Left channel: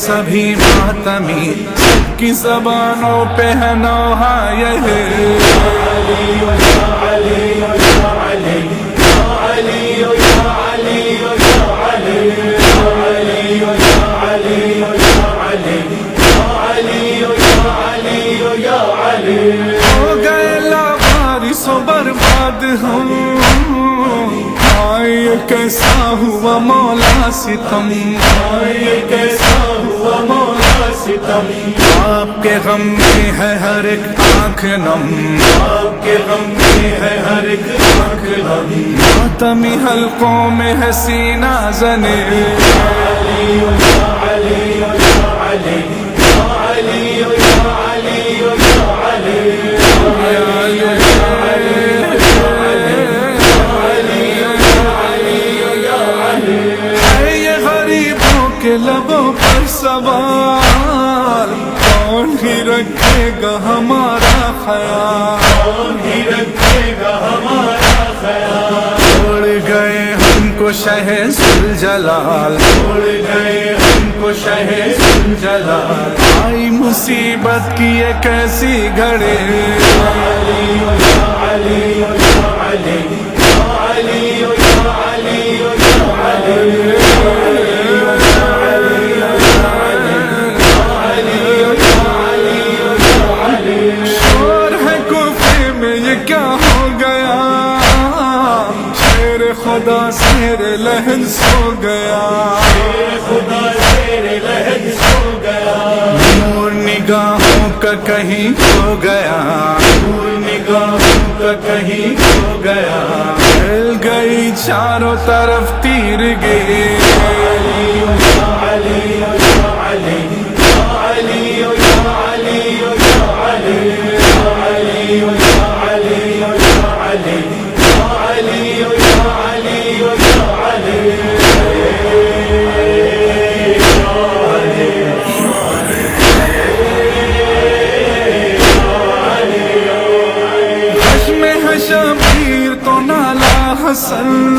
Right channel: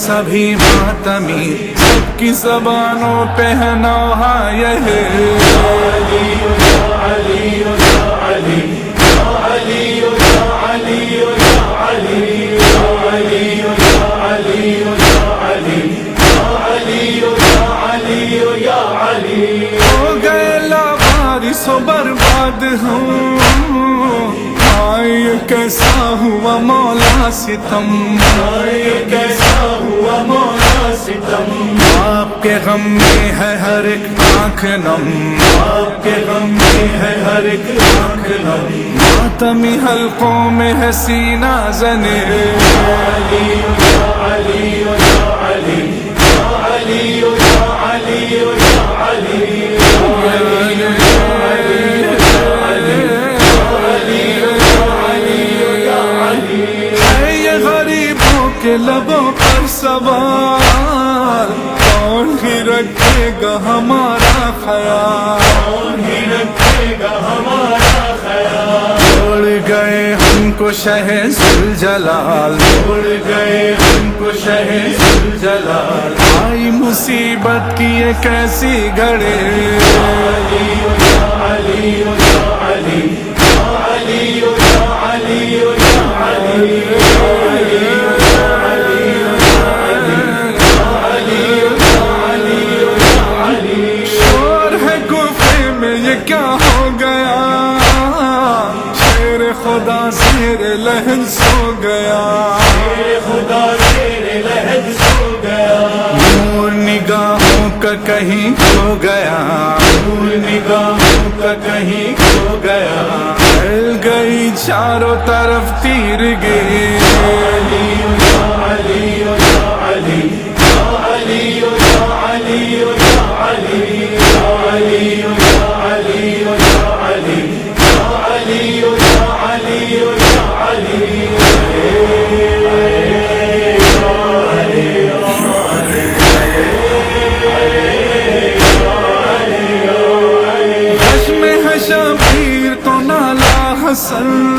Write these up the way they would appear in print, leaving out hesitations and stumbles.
سبھی ماتمی سب کی زبانوں پہ ہے نوحہ یہ ہو گئے لاوارث و برباد ہوں یہ کیسا ہوا مولا ستم یہ کیسا ہوا مولا ستم آپ کے غم میں ہے ہر ایک آنکھ نم آپ کے غم میں ہے ہر ایک آنکھ نم ماتمی حلقوں میں ہے سینہ زنے کے لبوں پر سوال کون ہی رکھے گا ہمارا خیال کون ہی رکھے گا ہمارا خیال چھوڑ گئے ہم کو شہ ذوالجلال چھوڑ گئے ہم کو شہ ذوالجلال آئی مصیبت کی ایک ایسی گھڑی کیا ہو گیا شیر خدا زیر لہج سو گیا خدا زیر لہج سو گیا نور نگاہوں کا کہیں کھو گیا نور نگاہوں کا کہیں کھو گیا پھیل گئی چاروں طرف تیرگی شبیر تو نالا حسن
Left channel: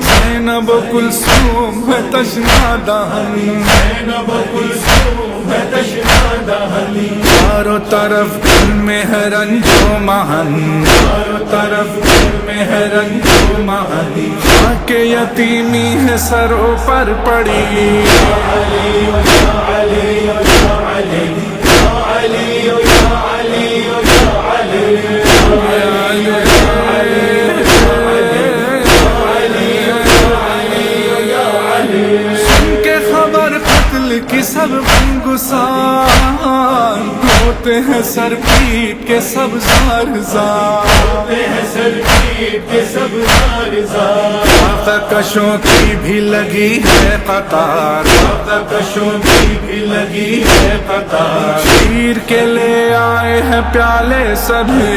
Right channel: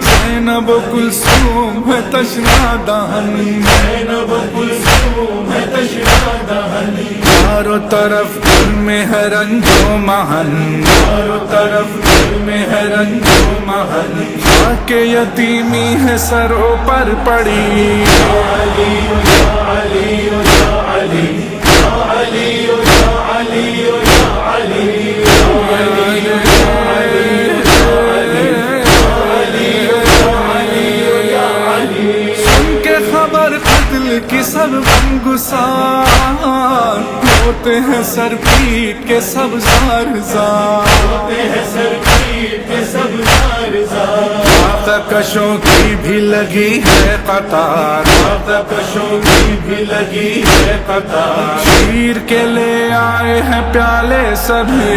زینب و کلثوم ہے تشنا دہن زینب و کلثوم ہے تشنا دہن چاروں طرف گھر میں ہے رنج و محن چاروں طرف گھر میں ہے رنج و محن خاک یتیمی ہے سروں پر پڑی قتل کی سب غمگسار ہوتے ہیں سر پیٹ کے سب زار زار ہوتے ہیں سر پیٹ کے سب زار زار آقا کشوں کی بھی لگی ہے قطار آقا کشوں کی بھی لگی ہے قطار شیر کے لے آئے ہیں پیالے سبھی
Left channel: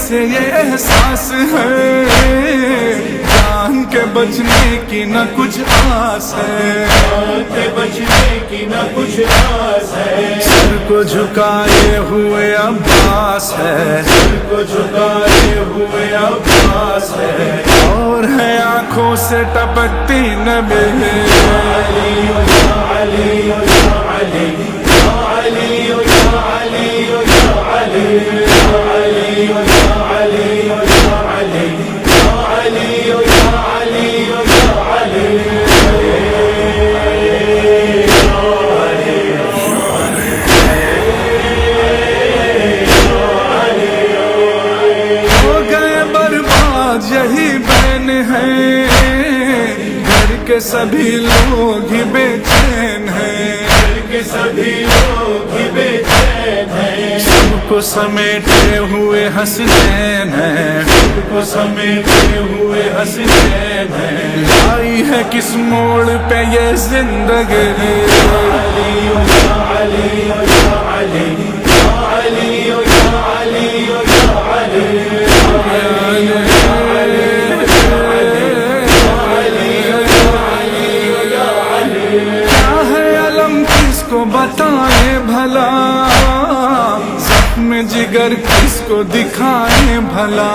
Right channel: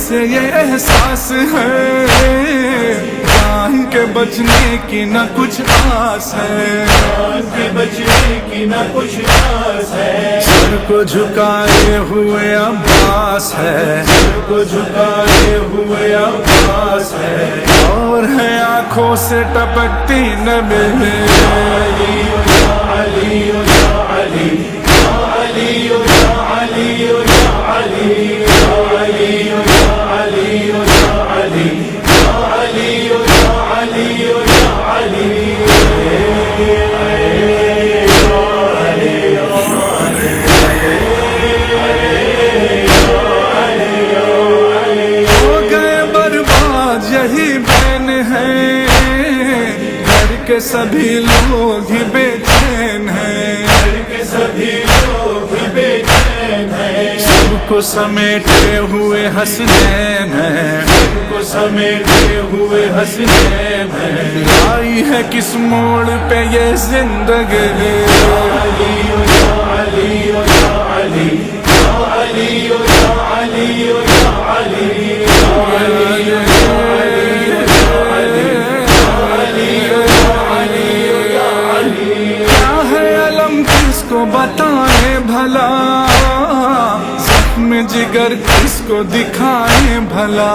سے یہ احساس ہے جان کے بچنے کی نہ کچھ آس ہے جان کے بچنے کی نہ کچھ آس ہے سر کو جھکائے ہوئے عباس ہے سر کو جھکائے ہوئے عباس ہے اور ہے آنکھوں سے ٹپکتی نبی یہی کے سبھی لوگ ہی بے چین ہیں، گھر کے سبھی لوگ ہی بے چین ہیں، سب کو سمیٹے ہوئے حسنین ہیں، سب کو سمیٹے ہوئے حسنین ہیں، لائی ہے کس موڑ پہ یہ زندگی، کس کو بتائیں بھلا، زخم جگر کس کو دکھائیں بھلا،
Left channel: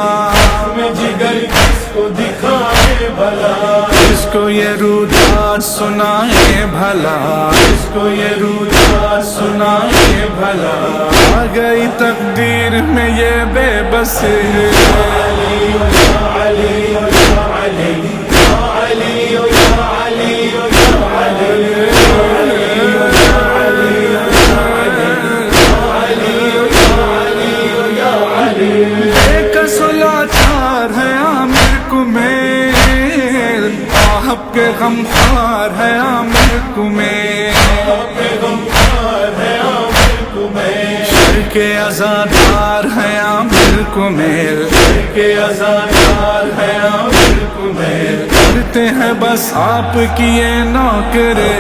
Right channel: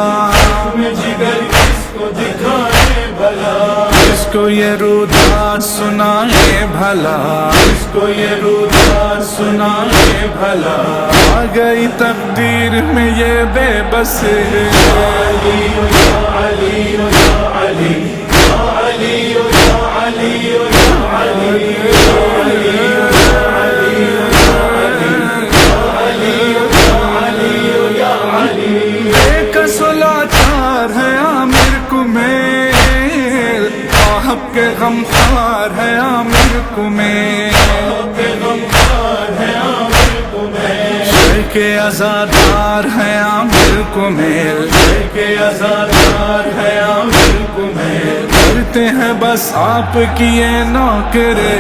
جگر کس کو دکھائیں بھلا، کس کو یہ روداد سنائیں بھلا، کس کو یہ روداد سنائیں بھلا، آ گئی تقدیر میں یہ بے بسی، لاچار ہے عامر کمیل، آہب کے غمخوار ہے عامر کمیل، شر کے عزادار ہے عامر کمیل، شر کے عزادار ہے عامر کمیل، کرتے ہیں بس آپ کی یہ نوکری،